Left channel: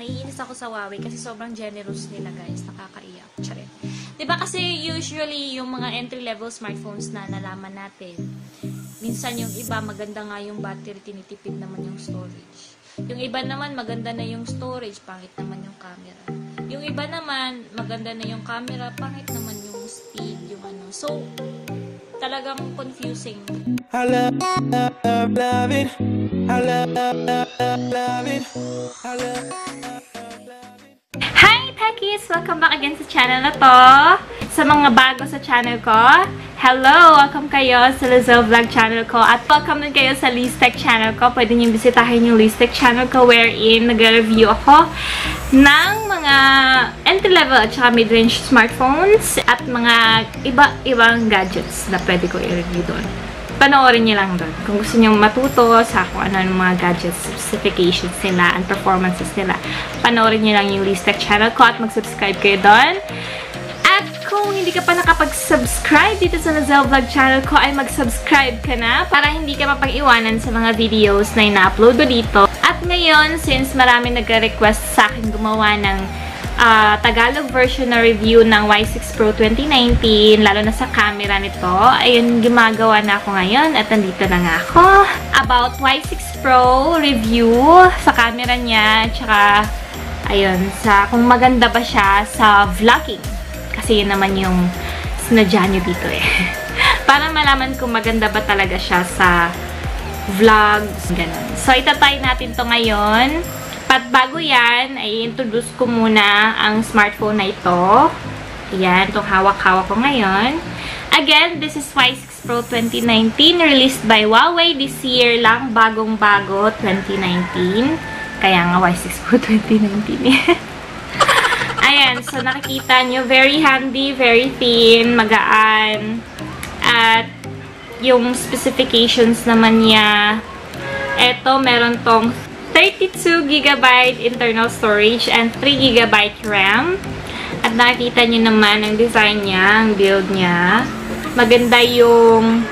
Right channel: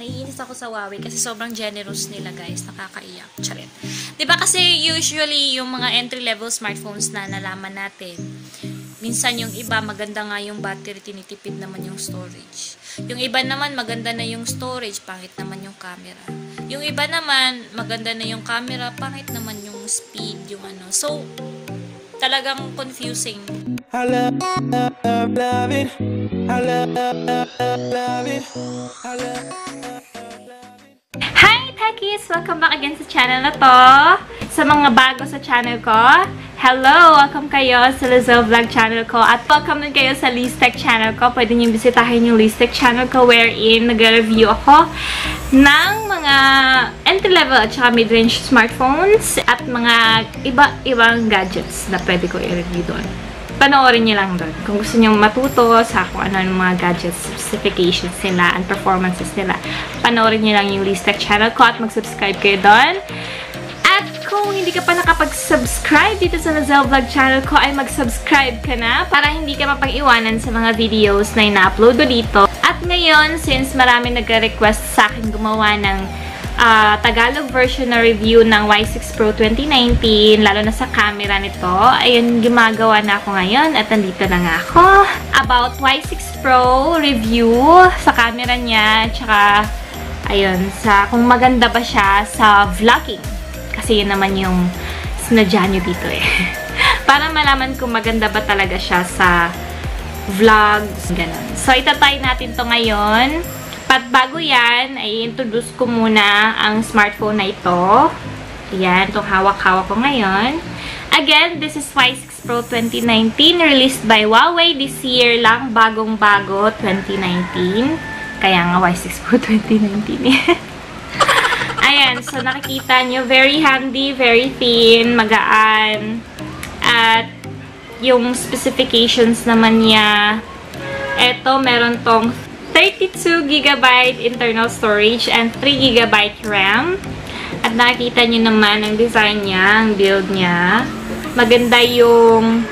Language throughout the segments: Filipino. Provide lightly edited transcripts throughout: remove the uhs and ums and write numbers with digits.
Naiinis ako sa Huawei kasi sobrang generous nila, guys. Nakakaiyak. Charit. Diba kasi usually yung mga entry-level smartphones na nalaman natin, minsan yung iba maganda nga yung battery, tinitipid naman yung storage. Yung iba naman maganda na yung storage, pangit naman yung camera. Yung iba naman maganda na yung camera, pangit naman yung speed, yung ano. So, talagang confusing. I love it. I love it. I love Hi Techies! Welcome back again sa channel na to. Sa mga bago sa channel ko, hello! Welcome kayo sa Lizelle Vlog channel ko. At welcome din kayo sa Liztech channel ko. Pwede nyo bisitahin yung Liztech channel ko wherein nag-review ako ng mga entry-level at saka mid-range smartphones at mga iba-ibang gadgets na pwede ko i-review doon. Panoorin nyo lang doon. Kung gusto nyo matuto sa kung ano yung mga gadgets, specifications nila, and performances nila, panoorin nyo lang yung Liztech channel ko at mag-subscribe kayo doon. At kung hindi ka pa nakapag-subscribe dito sa Lizelle Vlog channel ko, ay mag-subscribe ka na para hindi ka mapag-iwanan sa mga videos na ina-upload ko dito. At ngayon, since marami nag-request sa akin gumawa ng Tagalog version na review ng Y6 Pro 2019, lalo na sa camera nito, ayun, gumagawa na ako ngayon at nandito na nga ako. About Y6 Pro review sa camera niya, tsaka, ayun, sa kung maganda ba siya sa vlogging. Kasi yun naman yung sinadya nyo dito eh. Para malaman kung maganda ba talaga siya sa vlogs, ganun. So, itatry natin to ngayon. At bago yan, ay introduce ko muna ang smartphone na ito. Ayan, itong hawak-hawak ko ngayon. Again, this is Y6 Pro 2019, released by Huawei this year lang, bagong-bago, 2019. Kaya nga Y6 Pro 2019 eh. Ayan, so nakikita nyo, very handy, very thin, magaan. At yung specifications naman niya, eto, meron tong 32GB internal storage and 3GB RAM. At nakikita nyo naman ang design niya, ang build niya. Maganda yung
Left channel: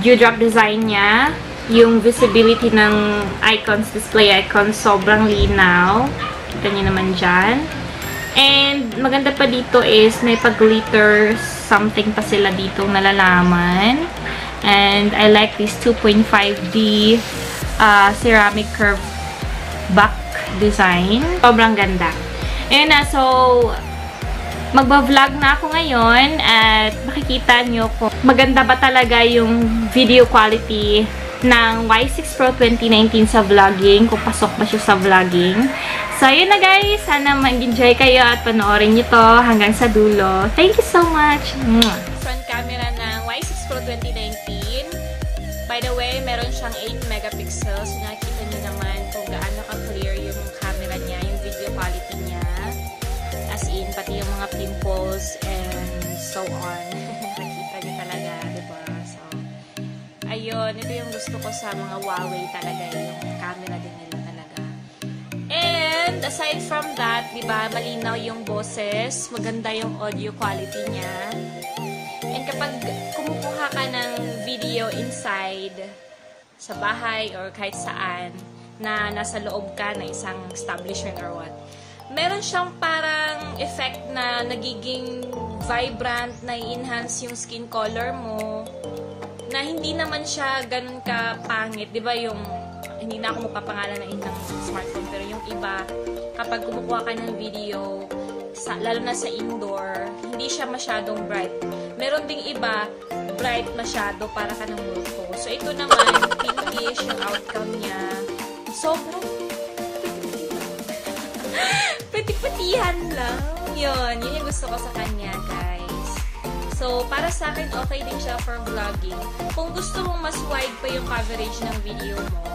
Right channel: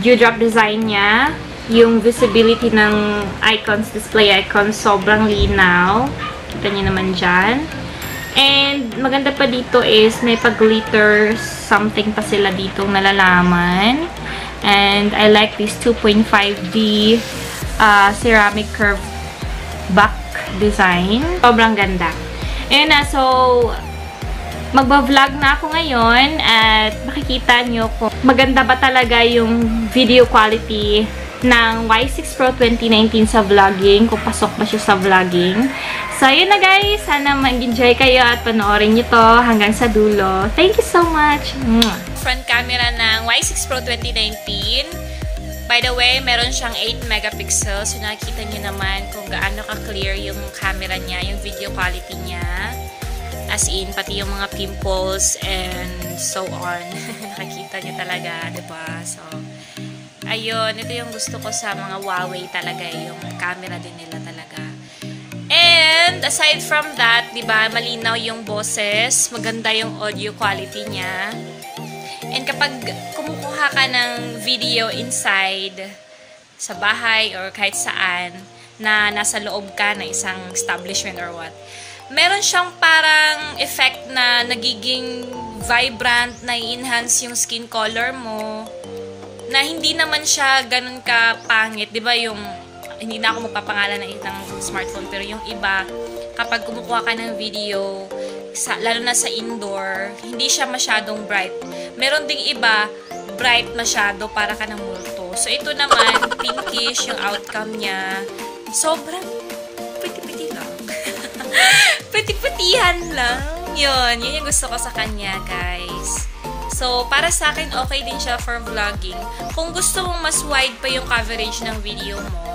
dewdrop design niya. Yung visibility ng icons, display icons, sobrang linaw. Kita nyo naman dyan. And maganda pa dito is may pag-glitter something pa sila ditong nalalaman. And I like this 2.5D ceramic curve back design. Sobrang ganda. Ayun na, so magba-vlog na ako ngayon at makikita nyo kung maganda ba talaga yung video quality ng Y6 Pro 2019 sa vlogging, kung pasok ba siya sa vlogging. So, ayun na guys. Sana mag-enjoy kayo at panoorin nyo to hanggang sa dulo. Thank you so much! Front camera ng Y6 Pro 2019. By the way, meron siyang 8 megapixels. So, nakikita nyo naman kung gaano ka-clear yung camera niya, yung video quality niya. As in, pati yung mga pimples and so on. Nakikita nyo talaga, diba? So, ayun. Ito yung gusto ko sa mga Huawei talaga. Yung camera din nila talaga. And, aside from that, diba, malinaw yung boses. Maganda yung audio quality niya. And kapag kumukuha ka ng video inside sa bahay or kahit saan na nasa loob ka na isang establishment or what, meron siyang parang effect na nagiging vibrant, na enhance yung skin color mo, na hindi naman siya ganun ka pangit. Diba yung, hindi na ako magpapangalan ng isang smartphone, pero yung iba, kapag kumukuha ka ng video, lalo na sa indoor, hindi siya masyadong bright. Meron ding iba, bright masyado, para ka ng multo. So, ito naman, pinkish yung outcome niya. Sobrang pati-pati lang. Pati-patihan lang. Yun yung gusto ko sa kanya, guys. So, para sa akin, okay din siya for vlogging. Kung gusto mong mas wide pa yung coverage ng video mo,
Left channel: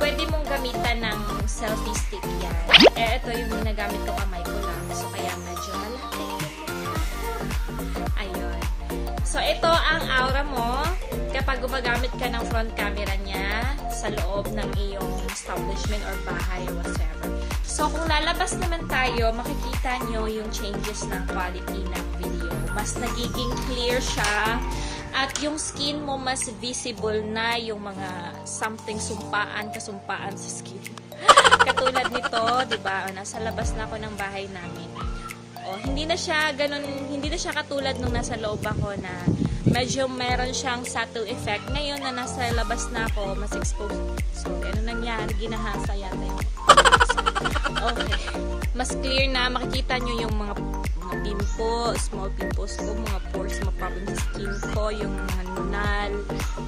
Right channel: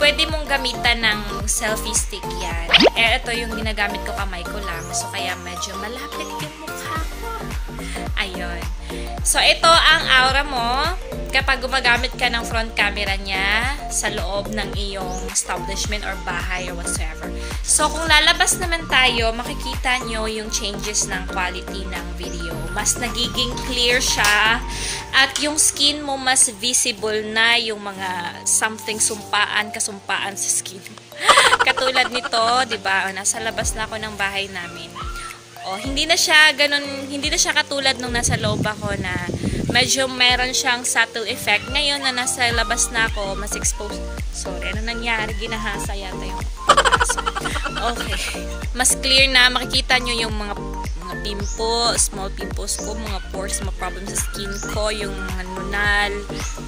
pwede mong gamitan ng selfie stick yan. Eh, ito yung ginagamit ko, kamay ko lang. So, kaya medyo malapit. Ayun. So, ito ang aura mo kapag gumagamit ka ng front camera niya sa loob ng iyong establishment or bahay or whatsoever. So, kung lalabas naman tayo, makikita nyo yung changes ng quality ng video. Mas nagiging clear siya at yung skin mo mas visible na yung mga something kasumpaan sa skin. katulad nito, 'di ba? Nasa labas na ako ng bahay namin. Hindi na siya katulad nung nasa loob ako na medyo meron siyang subtle effect. Ngayon na nasa labas na ako, mas exposed. Sorry, ano nangyari? Ginahasa yata yung okay. Mas clear na, makikita nyo yung mga pimples, small pimples ko, mga pores, mga problems sa skin ko, yung mga nunal.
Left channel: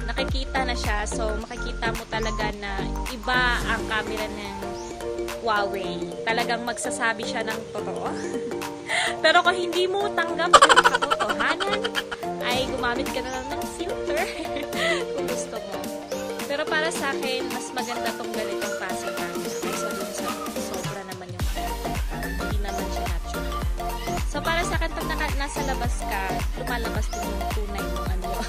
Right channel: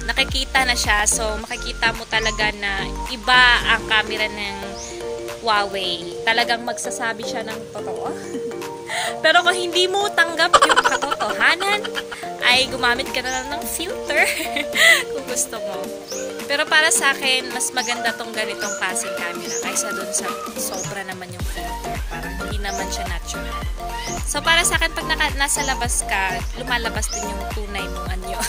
Nakikita na siya. So, makikita mo talaga na iba ang camera ng Huawei. Talagang magsasabi siya ng totoo. Pero kung hindi mo tanggap yung katotohanan, ay gumamit ka na lang ng filter kung gusto mo. Pero para sa akin, mas maganda tong ganitong klaseng camera kaysa dun sa sobra naman yung filter. Parang hindi naman siya natural. So para sa akin, pag nasa labas ka, lumalabas din yung tunay mong anyo.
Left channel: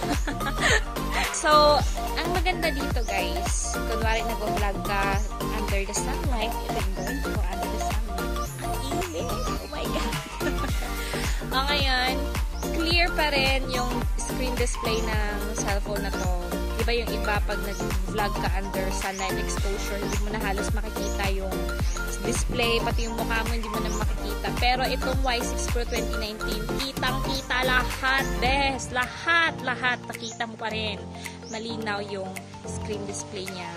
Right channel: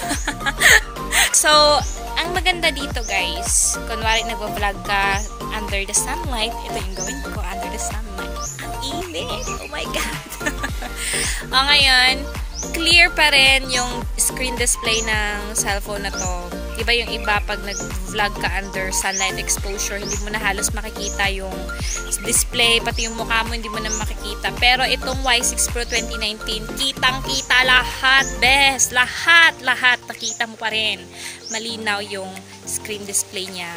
So, ang maganda dito guys, kunwari nag-vlog ka under the sunlight, ito yung gawin ko under the sunlight. Ang init! Oh my God! Ngayon, clear pa rin yung screen display ng cellphone na to. Diba yung iba pag nag-vlog ka under sunlight exposure, hindi mo na halos makikita yung display, pati yung mukha mo hindi mo na makikita. Pero itong Y6 Pro 2019, kitang-kita lahat, best! Lahat! Nakita mo pa rin. Malinaw yung screen display niya.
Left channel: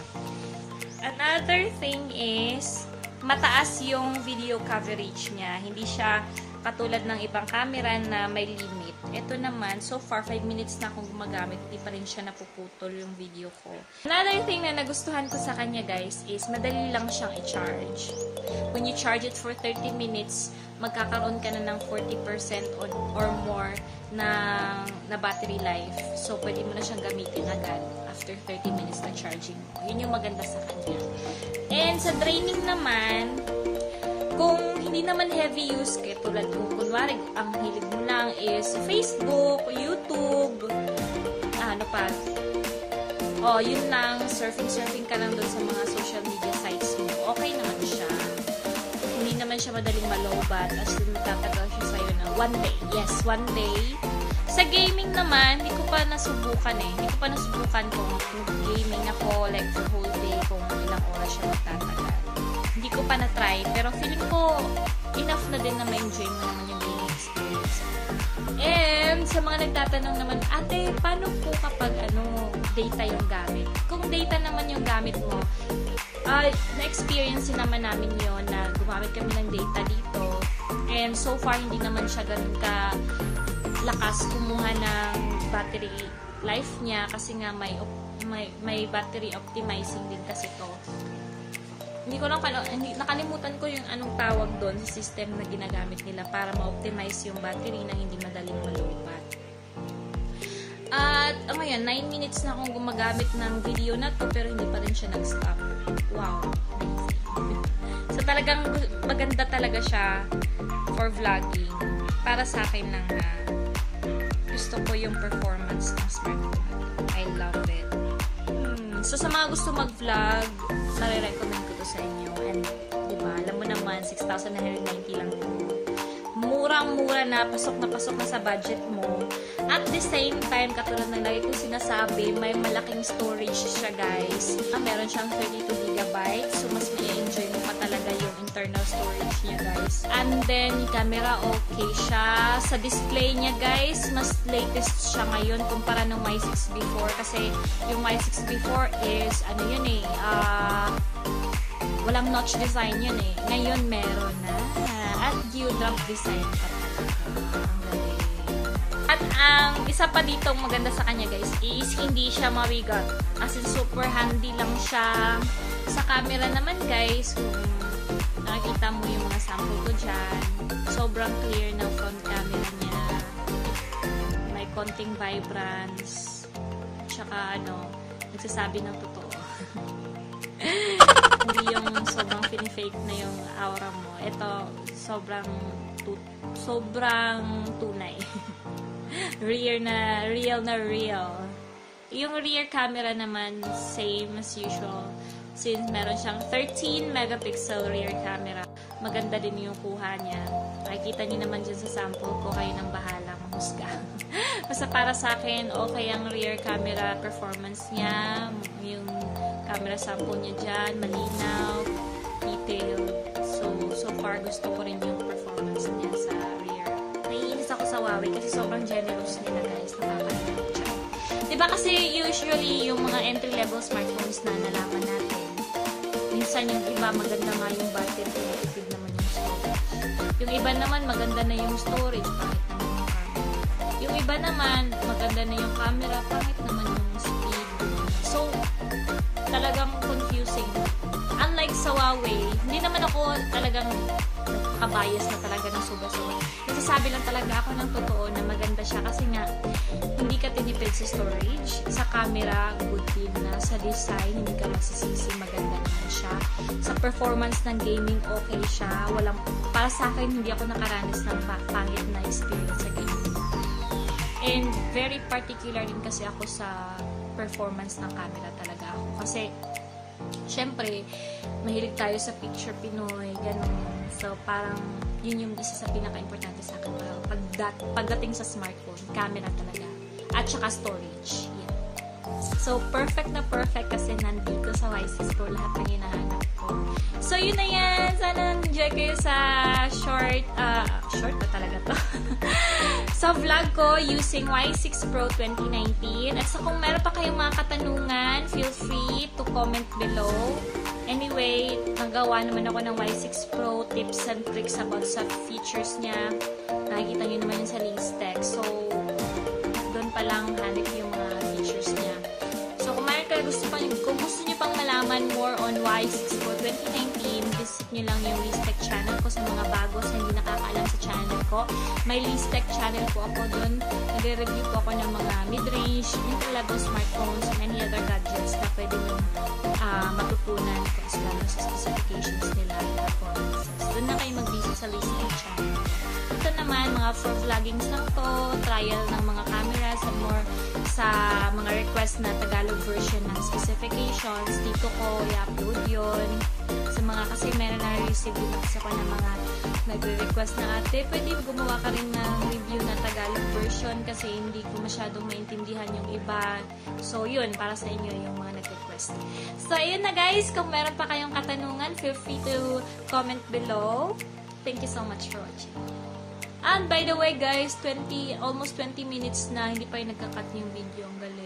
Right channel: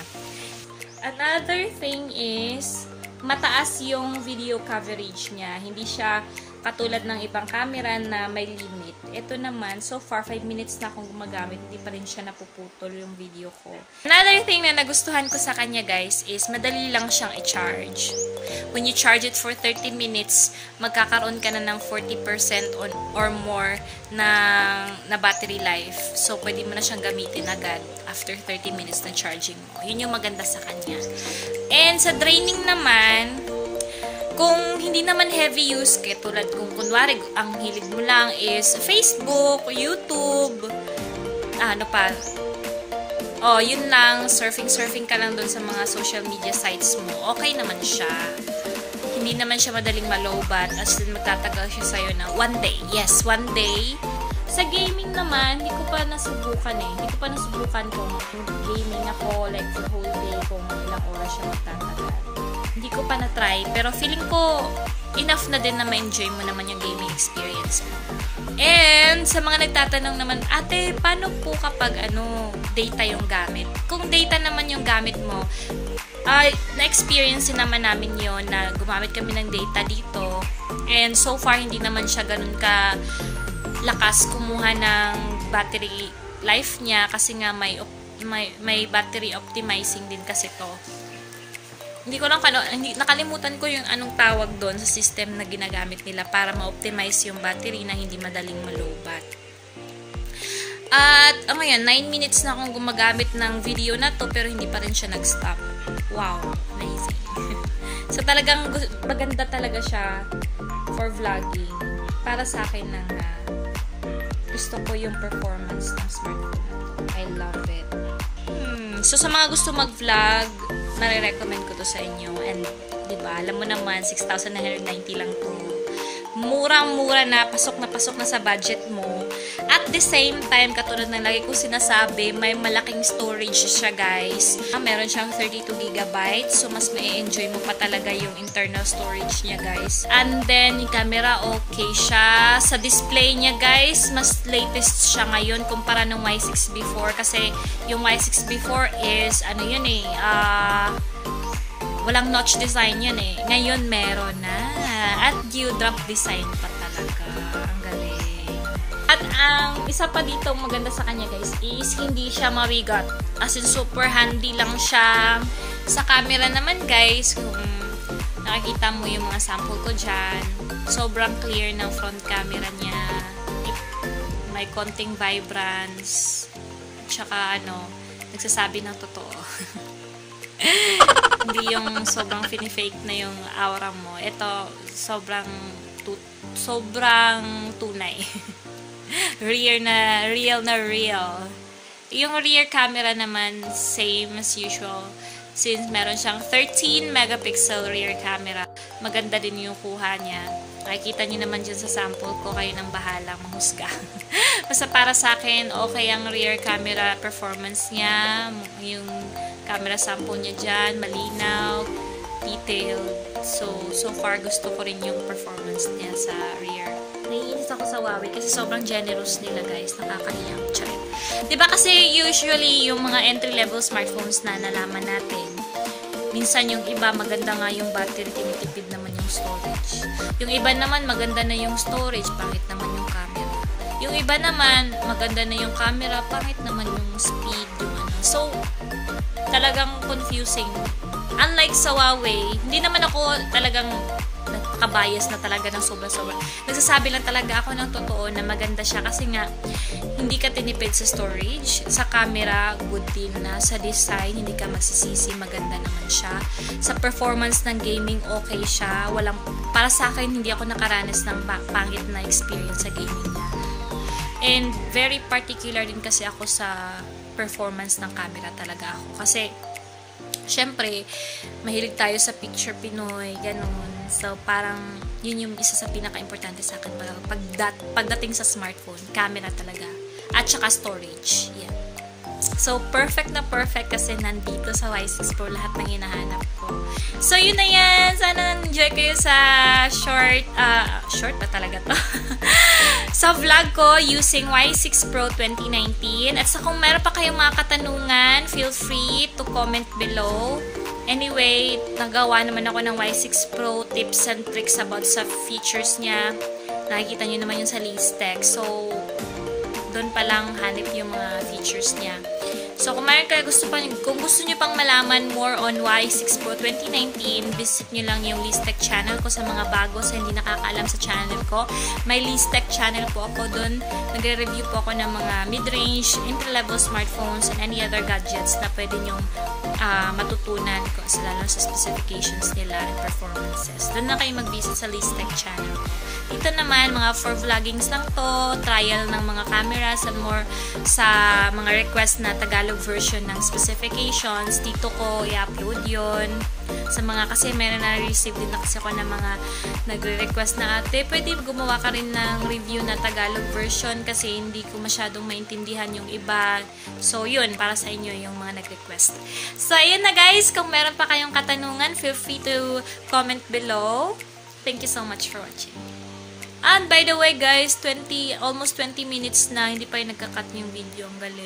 Another thing is, mataas yung video coverage niya. Hindi siya katulad ng ibang camera na may limit. Ito naman, so far, 5 minutes na akong gumagamit, hindi pa rin siya napuputol yung video ko. Another thing na nagustuhan ko sa kanya, guys, is madali lang siyang i-charge. When you charge it for 30 minutes, magkakaroon ka na ng 40% or more na battery life. So, pwede mo na siyang gamitin agad after 30 minutes na charging mo. Yun yung maganda sa kanya. And sa draining naman, kung hindi naman heavy use, kaya tulad kung kunwari, ang hilig mo lang is Facebook, YouTube, ano pa, yun lang, surfing ka lang dun sa mga social media sites mo, okay naman siya. Hindi naman siya madaling malobat, as in magtatagal siya sa'yo ng one day. Yes, one day. Sa gaming naman, hindi ko pa nasubukan Hindi ko pa nasubukan kung gaming ako, like the whole day, kung ilang oras siya magtatagal. Hindi ko pa na-try, pero feeling ko enough na din na ma-enjoy mo naman yung gaming experience mo. And sa mga nagtatanong naman, ate, paano po kapag data yung gamit? Kung data naman yung gamit mo, na-experience naman namin yon na gumamit kami ng data dito. And so far, hindi naman siya ganun ka lakas kumuha ng battery life niya kasi nga may battery optimizing din kasi to. Hindi ko lang nakalimutan ko yung anong tawag doon sa system na ginagamit nila para ma-optimize yung battery na hindi madaling malobat. At ngayon, 9 minutes na akong gumagamit ng video na to pero hindi pa rin siya nag-stop. Wow, amazing. So talagang maganda talaga siya for vlogging. Para sa akin lang gusto ko yung performance ng smartphone. I love it. So sa mga gusto mag-vlog, nare-recommend ko to sa inyo. And diba, alam mo naman, 6,990 lang to. Murang-mura na, pasok na sa budget mo. At the same time, katulad na lagi kong sinasabi, may malaking storage siya, guys. Meron siyang 32GB, so mas may-enjoy mo pa talaga yung internal storage niya, guys. And then, yung camera, okay siya. Sa display niya, guys, mas latest siya ngayon kumpara ng Y6 before. Kasi yung Y6 before is, walang notch design yun eh. Ngayon, meron na. At dewdrop design pa talaga. Ang galing. At ang isa pa dito maganda sa kanya, guys, is hindi siya mabigat. As in, super handy lang siya. Sa camera naman, guys, kung nakikita mo yung mga sample ko dyan, sobrang clear ng front camera niya. May konting vibrance. At saka, nagsasabi ng totoo. Hindi yung sobrang fake na yung aura mo. Ito, sobrang tunay. Real na real. Yung rear camera naman, same as usual. Since meron siyang 13 megapixel rear camera, maganda din yung kuha niya. Makikita niyo naman dyan sa sample ko, kayo nang bahala mahusga. Basta para sa akin, okay ang rear camera performance niya. Yung camera sample niya dyan, malinaw. detailed. So far, gusto ko rin yung performance niya sa rear. Naiinis ako sa Huawei kasi sobrang generous nila, guys. Nakakahiyang siya. Diba kasi usually yung mga entry-level smartphones na nalaman natin, minsan yung iba maganda nga yung battery, tinitipid naman yung storage. Yung iba naman maganda na yung storage, pangit naman yung camera. Yung iba naman maganda na yung camera, pangit naman yung speed. So, talagang confusing. Unlike sa Huawei, hindi naman ako talagang nakabias na talaga ng sobrang-sobrang. Nagsasabi lang talaga ako ng totoo na maganda siya kasi nga hindi ka tinipid sa storage, sa camera, good din na, sa design, hindi ka masisisi, maganda naman siya. Sa performance ng gaming, okay siya. Para sa akin, hindi ako nakaranas ng pangit na experience sa gaming niya. And very particular din kasi ako sa performance ng camera talaga ako. Kasi, syempre, mahilig tayo sa picture Pinoy, ganun. So, parang, yun yung isa sa pinaka-importante sa akin pagdating sa smartphone, camera talaga. At saka storage. Yeah. So, perfect na perfect kasi nandito sa Y6 Pro lahat ng hinahanap ko. So, yun na yan. Sana enjoy kayo sa short na talaga to. Sa vlog ko using Y6 Pro 2019. At sa kung meron pa kayong mga katanungan, feel free to comment below. Anyway, nagawa naman ako ng Y6 Pro tips and tricks about sa features niya. Nakikita nyo naman yun sa Listec. So, doon pa lang hanip yung mga features niya. So, kung gusto nyo pang malaman more on Y6 Pro 2019, visit nyo lang yung Listec channel ko sa mga bago sa hindi nakakaalam sa channel ko. May Listec channel po ako doon. Nagre-review po ako ng mga mid-range, entry-level smartphones, and any other gadgets na pwede nyong matutunan lalo sa specifications nila and performances. Doon na kayo mag-visit sa Listec channel. Ito naman, mga for vloggings lang to, trial ng mga cameras and more sa mga request na Tagalog version ng specifications. Dito ko i-upload yun. Sa mga, kasi meron na receive din kasi ako ng mga nagre-request na ate, pwede gumawa ka rin ng review na Tagalog version kasi hindi ko masyadong maintindihan yung iba. So, yun, para sa inyo yung mga nag-request. So, ayun na guys, kung meron pa kayong katanungan, feel free to comment below. Thank you so much for watching. And by the way guys, almost 20 minutes na, hindi pa yung nagka-cut yung video. Ang galing.